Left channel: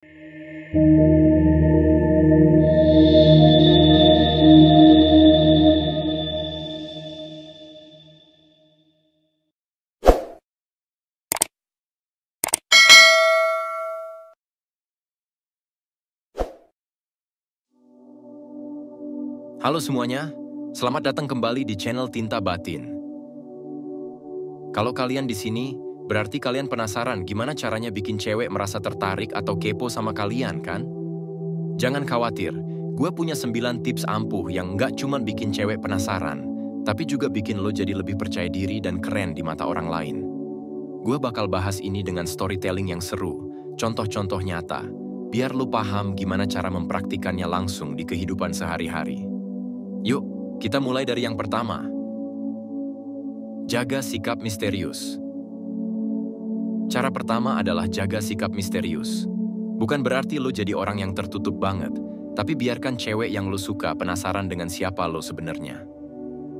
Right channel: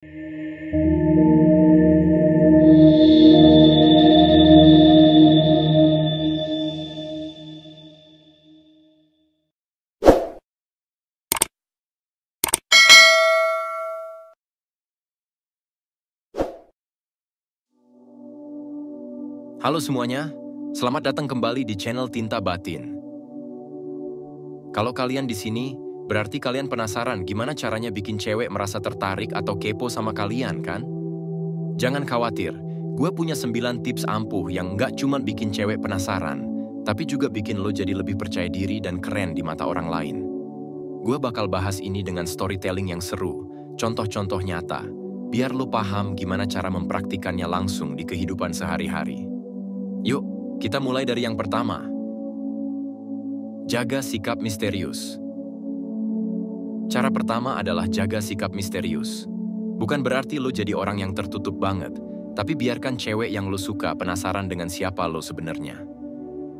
Halo semuanya, selamat datang kembali di channel Tinta Batin. Kalau kalian di sini, berarti kalian penasaran gimana caranya bikin cewek merasa tertarik atau kepo sama kalian, kan? Jangan khawatir, gue punya 9 tips ampuh yang nggak cuma bikin cewek penasaran, tapi juga bikin lo jadi lebih percaya diri dan keren di mata orang lain. Gue bakal bahas ini dengan storytelling yang seru, contoh-contoh nyata, biar lo paham gimana cara mempraktikannya langsung di kehidupan sehari-hari. Yuk, kita mulai dari yang pertama. Jaga sikap misterius. Cara pertama adalah jaga sikap misterius. Bukan berarti lo jadi orang yang tertutup banget, tapi biarkan cewek yang lo suka penasaran dengan siapa lo sebenarnya.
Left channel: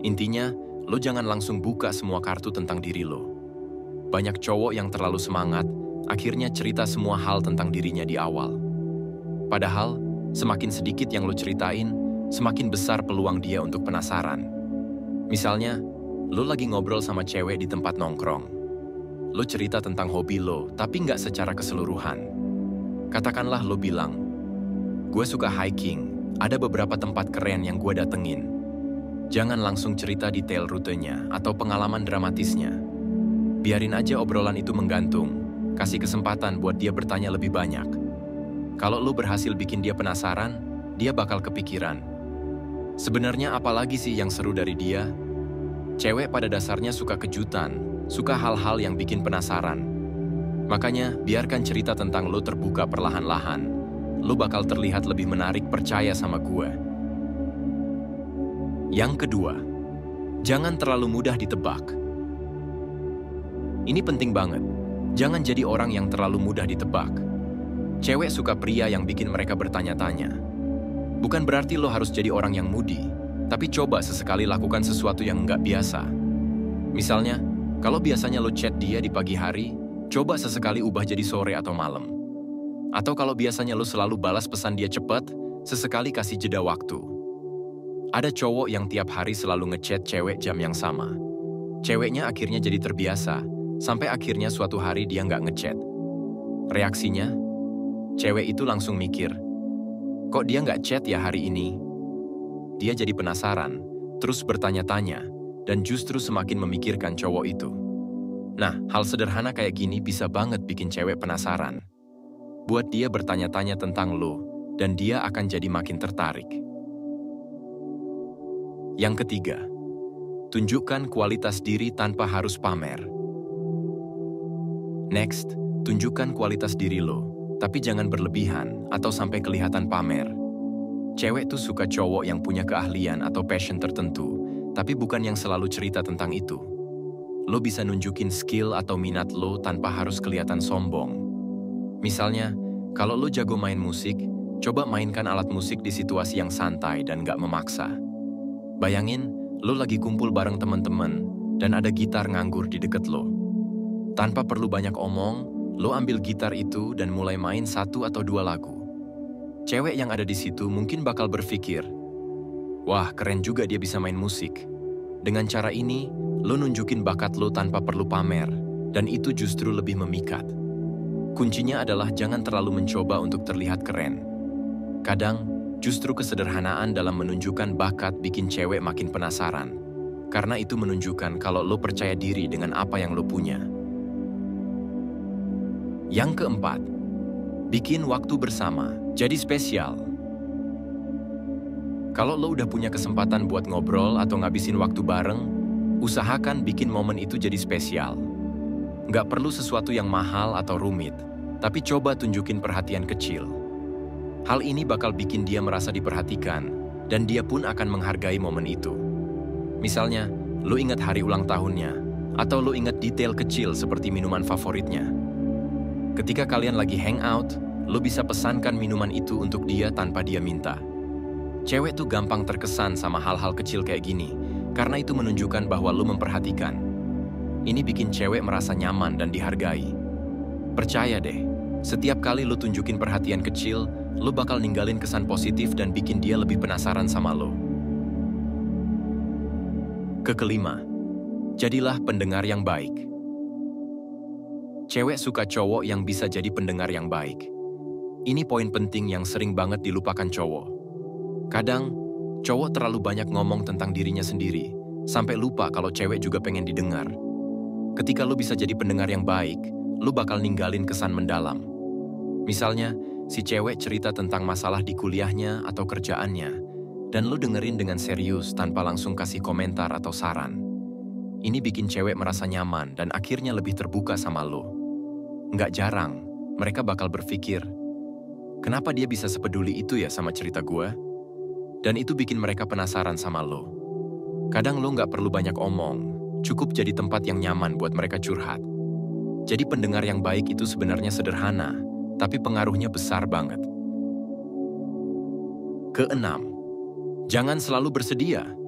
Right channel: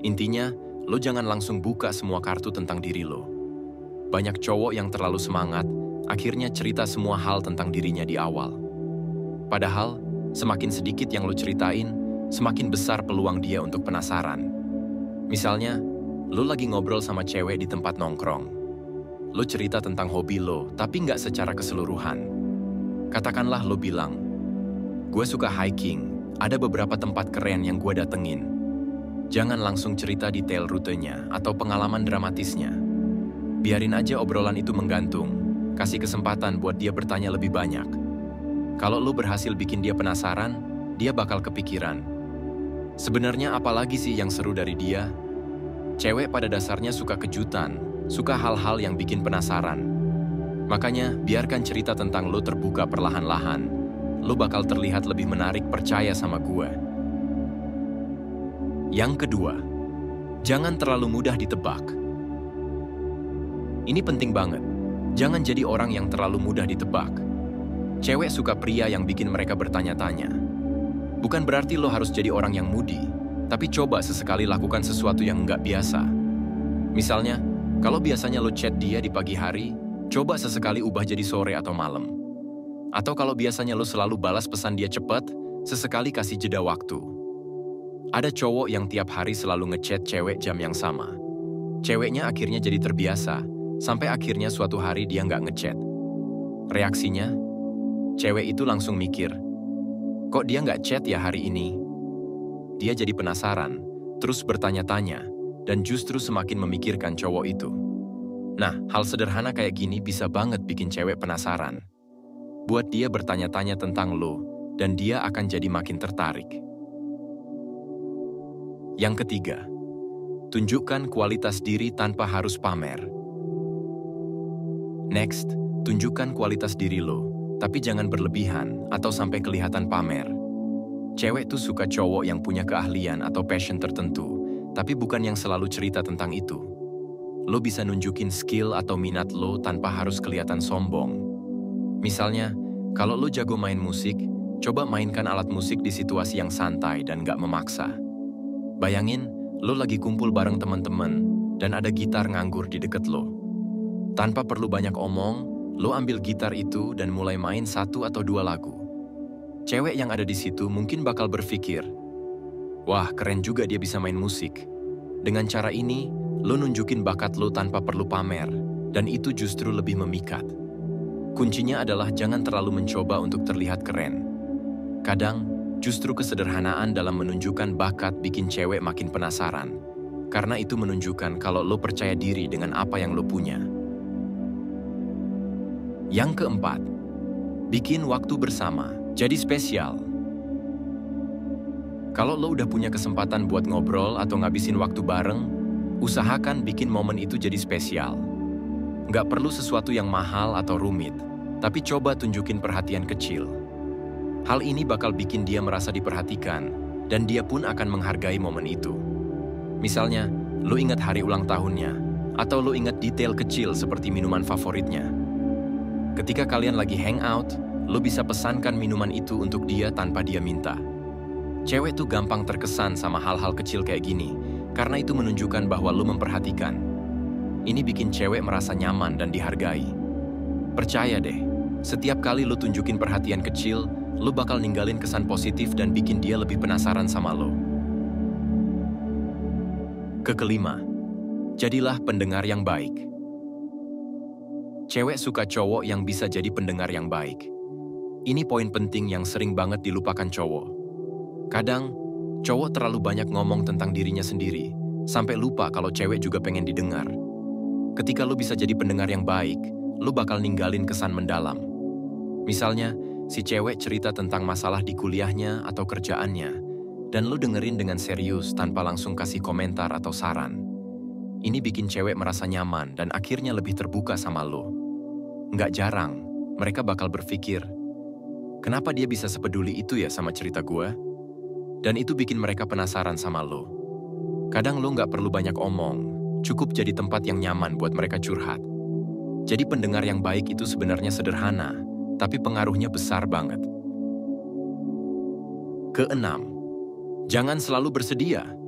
Intinya, lo jangan langsung buka semua kartu tentang diri lo. Banyak cowok yang terlalu semangat, akhirnya cerita semua hal tentang dirinya di awal. Padahal, semakin sedikit yang lo ceritain, semakin besar peluang dia untuk penasaran. Misalnya, lo lagi ngobrol sama cewek di tempat nongkrong. Lo cerita tentang hobi lo, tapi nggak secara keseluruhan. Katakanlah lo bilang, gue suka hiking, ada beberapa tempat keren yang gue datengin. Jangan langsung cerita detail rutenya atau pengalaman dramatisnya. Biarin aja obrolan itu menggantung, kasih kesempatan buat dia bertanya lebih banyak. Kalau lo berhasil bikin dia penasaran, dia bakal kepikiran. Sebenarnya apalagi sih yang seru dari dia? Cewek pada dasarnya suka kejutan, suka hal-hal yang bikin penasaran. Makanya, biarkan cerita tentang lo terbuka perlahan-lahan. Lo bakal terlihat lebih menarik percaya sama gue. Yang kedua, jangan terlalu mudah ditebak. Ini penting banget. Jangan jadi orang yang terlalu mudah ditebak. Cewek suka pria yang bikin mereka bertanya-tanya. Bukan berarti lo harus jadi orang yang moody, tapi coba sesekali lakukan sesuatu yang nggak biasa. Misalnya, kalau biasanya lo chat dia di pagi hari, coba sesekali ubah jadi sore atau malam. Atau kalau biasanya lo selalu balas pesan dia cepat, sesekali kasih jeda waktu. Ada cowok yang tiap hari selalu ngechat cewek jam yang sama. Ceweknya akhirnya jadi terbiasa, sampai akhirnya suatu hari dia nggak ngechat. Reaksinya, cewek itu langsung mikir, kok dia nggak chat ya hari ini? Dia jadi penasaran, terus bertanya-tanya, dan justru semakin memikirkan cowok itu. Nah, hal sederhana kayak gini bisa banget bikin cewek penasaran. Buat dia bertanya-tanya tentang lo, dan dia akan jadi makin tertarik. Yang ketiga, tunjukkan kualitas diri tanpa harus pamer. Next, tunjukkan kualitas diri lo. Tapi jangan berlebihan atau sampai kelihatan pamer. Cewek tuh suka cowok yang punya keahlian atau passion tertentu, tapi bukan yang selalu cerita tentang itu. Lo bisa nunjukin skill atau minat lo tanpa harus kelihatan sombong. Misalnya, kalau lo jago main musik, coba mainkan alat musik di situasi yang santai dan gak memaksa. Bayangin, lo lagi kumpul bareng teman-teman dan ada gitar nganggur di deket lo. Tanpa perlu banyak omong, lo ambil gitar itu dan mulai main 1 atau 2 lagu. Cewek yang ada di situ mungkin bakal berpikir, wah keren juga dia bisa main musik. Dengan cara ini, lo nunjukin bakat lo tanpa perlu pamer, dan itu justru lebih memikat. Kuncinya adalah jangan terlalu mencoba untuk terlihat keren. Kadang, justru kesederhanaan dalam menunjukkan bakat bikin cewek makin penasaran, karena itu menunjukkan kalau lo percaya diri dengan apa yang lo punya. Yang keempat, bikin waktu bersama, jadi spesial. Kalau lo udah punya kesempatan buat ngobrol atau ngabisin waktu bareng, usahakan bikin momen itu jadi spesial. Nggak perlu sesuatu yang mahal atau rumit, tapi coba tunjukin perhatian kecil. Hal ini bakal bikin dia merasa diperhatikan, dan dia pun akan menghargai momen itu. Misalnya, lo ingat hari ulang tahunnya, atau lo ingat detail kecil seperti minuman favoritnya. Ketika kalian lagi hangout, lo bisa pesankan minuman itu untuk dia tanpa dia minta. Cewek tuh gampang terkesan sama hal-hal kecil kayak gini, karena itu menunjukkan bahwa lo memperhatikan. Ini bikin cewek merasa nyaman dan dihargai. Percaya deh, Setiap kali lu tunjukin perhatian kecil, lu bakal ninggalin kesan positif dan bikin dia lebih penasaran sama lo. Kelima, jadilah pendengar yang baik. Cewek suka cowok yang bisa jadi pendengar yang baik. Ini poin penting yang sering banget dilupakan cowok. Kadang, cowok terlalu banyak ngomong tentang dirinya sendiri, sampai lupa kalau cewek juga pengen didengar. Ketika lu bisa jadi pendengar yang baik, lu bakal ninggalin kesan mendalam. Misalnya, si cewek cerita tentang masalah di kuliahnya atau kerjaannya, dan lu dengerin dengan serius tanpa langsung kasih komentar atau saran. Ini bikin cewek merasa nyaman dan akhirnya lebih terbuka sama lu. Nggak jarang, mereka bakal berpikir, kenapa dia bisa sepeduli itu ya sama cerita gue? Dan itu bikin mereka penasaran sama lu. Kadang lu nggak perlu banyak omong, cukup jadi tempat yang nyaman buat mereka curhat. Jadi pendengar yang baik itu sebenarnya sederhana, tapi pengaruhnya besar banget. Keenam, jangan selalu bersedia.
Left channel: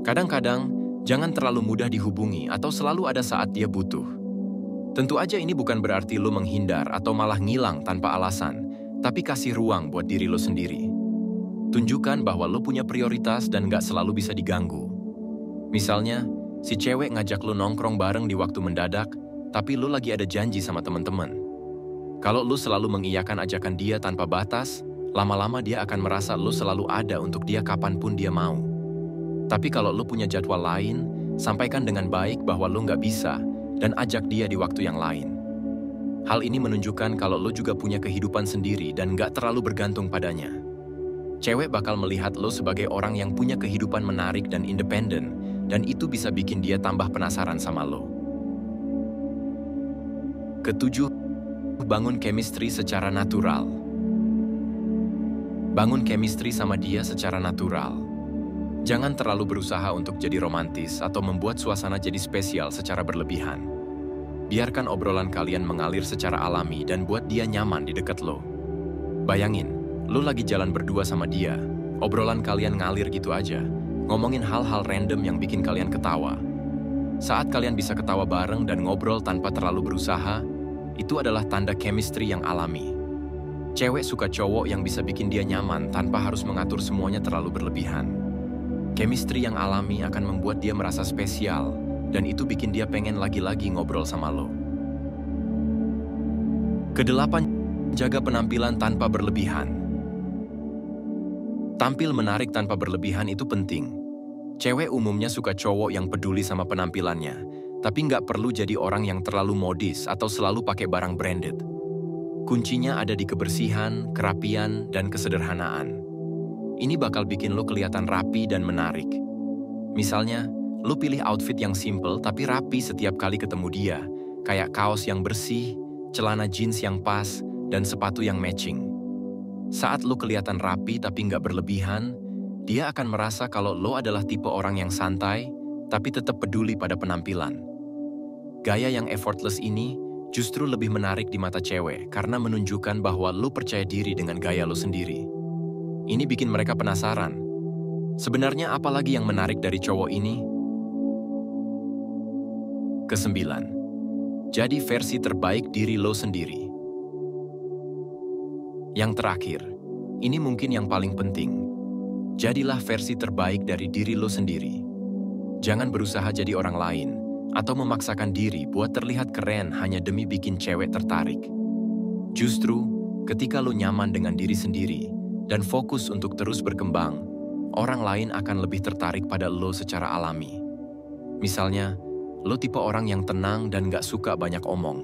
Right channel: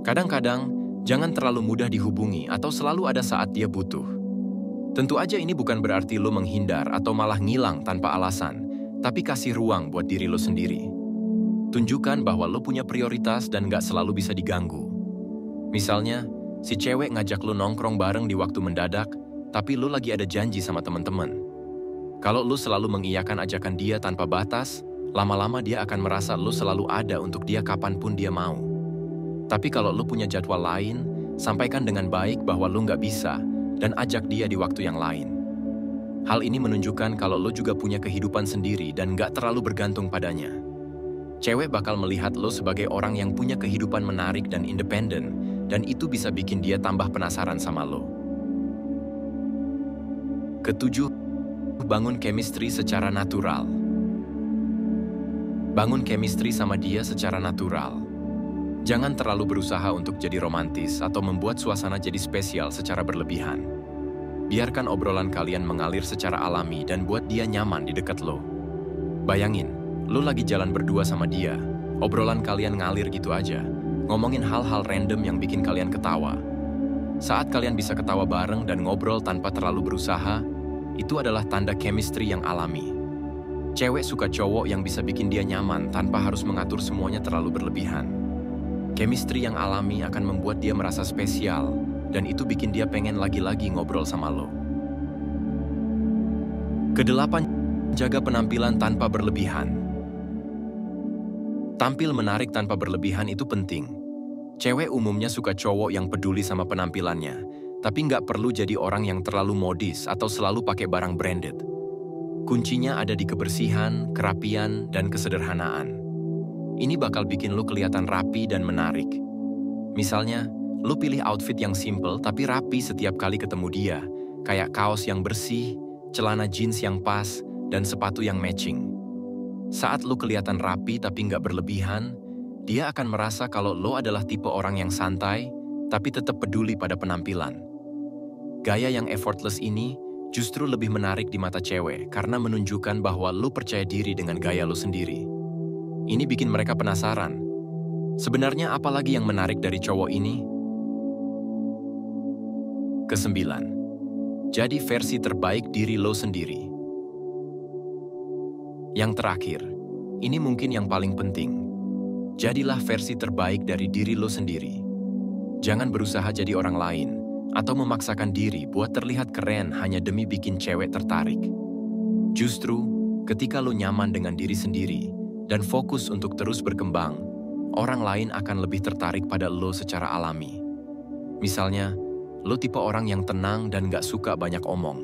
Kadang-kadang, jangan terlalu mudah dihubungi atau selalu ada saat dia butuh. Tentu aja ini bukan berarti lo menghindar atau malah ngilang tanpa alasan, tapi kasih ruang buat diri lo sendiri. Tunjukkan bahwa lo punya prioritas dan nggak selalu bisa diganggu. Misalnya, si cewek ngajak lo nongkrong bareng di waktu mendadak, tapi lo lagi ada janji sama teman-teman. Kalau lo selalu mengiyakan ajakan dia tanpa batas, lama-lama dia akan merasa lo selalu ada untuk dia kapanpun dia mau. Tapi kalau lo punya jadwal lain, sampaikan dengan baik bahwa lo nggak bisa dan ajak dia di waktu yang lain. Hal ini menunjukkan kalau lo juga punya kehidupan sendiri dan nggak terlalu bergantung padanya. Cewek bakal melihat lo sebagai orang yang punya kehidupan menarik dan independen, dan itu bisa bikin dia tambah penasaran sama lo. Ketujuh, bangun chemistry secara natural. Bangun chemistry sama dia secara natural. Jangan terlalu berusaha untuk jadi romantis atau membuat suasana jadi spesial secara berlebihan. Biarkan obrolan kalian mengalir secara alami dan buat dia nyaman di dekat lo. Bayangin, lo lagi jalan berdua sama dia, obrolan kalian ngalir gitu aja, ngomongin hal-hal random yang bikin kalian ketawa. Saat kalian bisa ketawa bareng dan ngobrol tanpa terlalu berusaha, itu adalah tanda chemistry yang alami. Cewek suka cowok yang bisa bikin dia nyaman tanpa harus mengatur semuanya terlalu berlebihan. Chemistry yang alami akan membuat dia merasa spesial, dan itu bikin dia pengen lagi-lagi ngobrol sama lo. Kedelapan, jaga penampilan tanpa berlebihan. Tampil menarik tanpa berlebihan itu penting. Cewek umumnya suka cowok yang peduli sama penampilannya, tapi nggak perlu jadi orang yang terlalu modis atau selalu pakai barang branded. Kuncinya ada di kebersihan, kerapian, dan kesederhanaan. Ini bakal bikin lo kelihatan rapi dan menarik. Misalnya, lo pilih outfit yang simple tapi rapi setiap kali ketemu dia, kayak kaos yang bersih, celana jeans yang pas, dan sepatu yang matching. Saat lo kelihatan rapi tapi nggak berlebihan, dia akan merasa kalau lo adalah tipe orang yang santai, tapi tetap peduli pada penampilan. Gaya yang effortless ini justru lebih menarik di mata cewek karena menunjukkan bahwa lo percaya diri dengan gaya lo sendiri. Ini bikin mereka penasaran. Sebenarnya apa lagi yang menarik dari cowok ini? Kesembilan, jadi versi terbaik diri lo sendiri. Yang terakhir, ini mungkin yang paling penting. Jadilah versi terbaik dari diri lo sendiri. Jangan berusaha jadi orang lain, atau memaksakan diri buat terlihat keren hanya demi bikin cewek tertarik. Justru, ketika lo nyaman dengan diri sendiri, dan fokus untuk terus berkembang, orang lain akan lebih tertarik pada lo secara alami. Misalnya, lo tipe orang yang tenang dan gak suka banyak omong.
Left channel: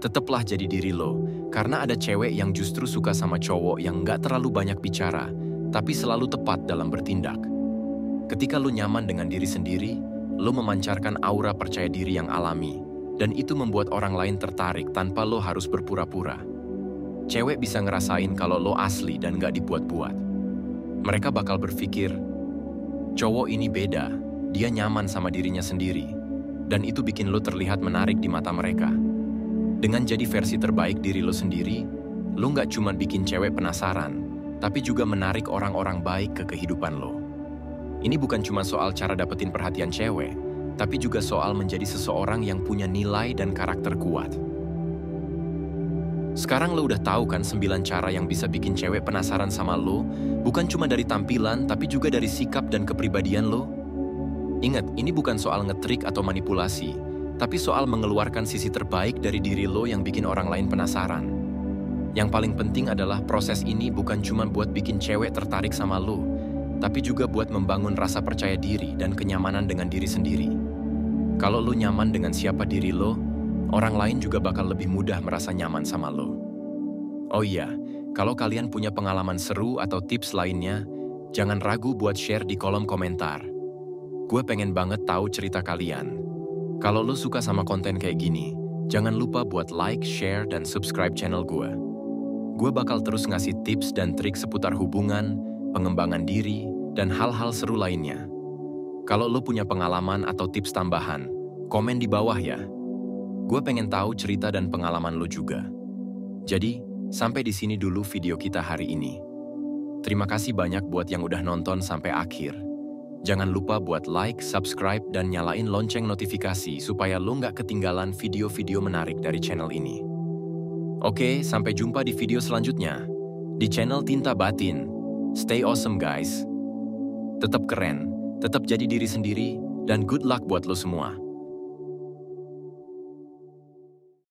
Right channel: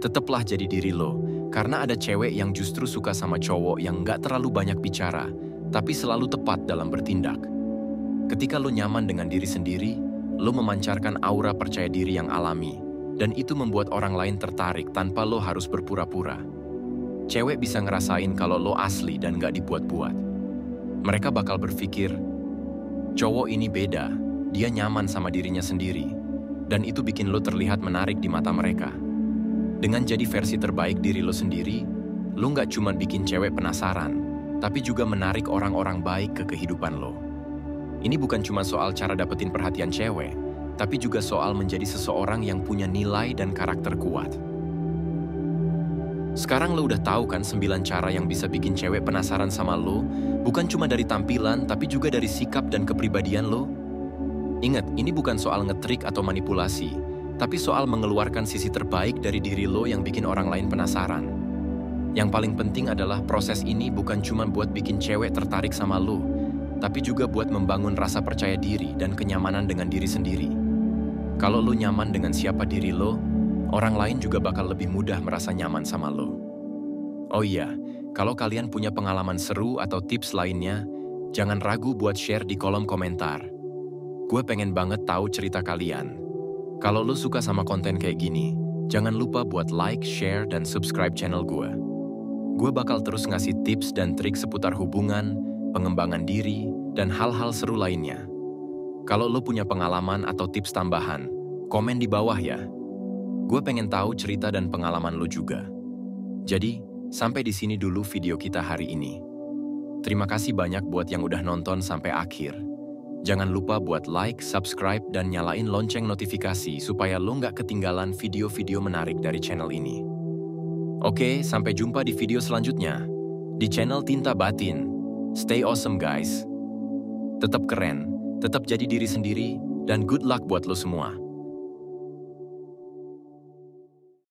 Tetaplah jadi diri lo, karena ada cewek yang justru suka sama cowok yang gak terlalu banyak bicara, tapi selalu tepat dalam bertindak. Ketika lo nyaman dengan diri sendiri, lo memancarkan aura percaya diri yang alami, dan itu membuat orang lain tertarik tanpa lo harus berpura-pura. Cewek bisa ngerasain kalau lo asli dan gak dibuat-buat. Mereka bakal berpikir, cowok ini beda, dia nyaman sama dirinya sendiri, dan itu bikin lo terlihat menarik di mata mereka. Dengan jadi versi terbaik diri lo sendiri, lo gak cuma bikin cewek penasaran, tapi juga menarik orang-orang baik ke kehidupan lo. Ini bukan cuma soal cara dapetin perhatian cewek, tapi juga soal menjadi seseorang yang punya nilai dan karakter kuat. Sekarang lo udah tahu kan 9 cara yang bisa bikin cewek penasaran sama lo, bukan cuma dari tampilan, tapi juga dari sikap dan kepribadian lo? Ingat, ini bukan soal ngetrik atau manipulasi, tapi soal mengeluarkan sisi terbaik dari diri lo yang bikin orang lain penasaran. Yang paling penting adalah proses ini bukan cuma buat bikin cewek tertarik sama lo, tapi juga buat membangun rasa percaya diri dan kenyamanan dengan diri sendiri. Kalau lo nyaman dengan siapa diri lo, orang lain juga bakal lebih mudah merasa nyaman sama lo. Oh iya, kalau kalian punya pengalaman seru atau tips lainnya, jangan ragu buat share di kolom komentar. Gue pengen banget tahu cerita kalian. Kalau lo suka sama konten kayak gini, jangan lupa buat like, share, dan subscribe channel gue. Gue bakal terus ngasih tips dan trik seputar hubungan, pengembangan diri, dan hal-hal seru lainnya. Kalau lo punya pengalaman atau tips tambahan, komen di bawah ya. Gue pengen tahu cerita dan pengalaman lo juga. Jadi, sampai di sini dulu video kita hari ini. Terima kasih banyak buat yang udah nonton sampai akhir. Jangan lupa buat like, subscribe, dan nyalain lonceng notifikasi supaya lo nggak ketinggalan video-video menarik dari channel ini. Oke, sampai jumpa di video selanjutnya. Di channel Tinta Batin. Stay awesome guys. Tetap keren, tetap jadi diri sendiri, dan good luck buat lo semua.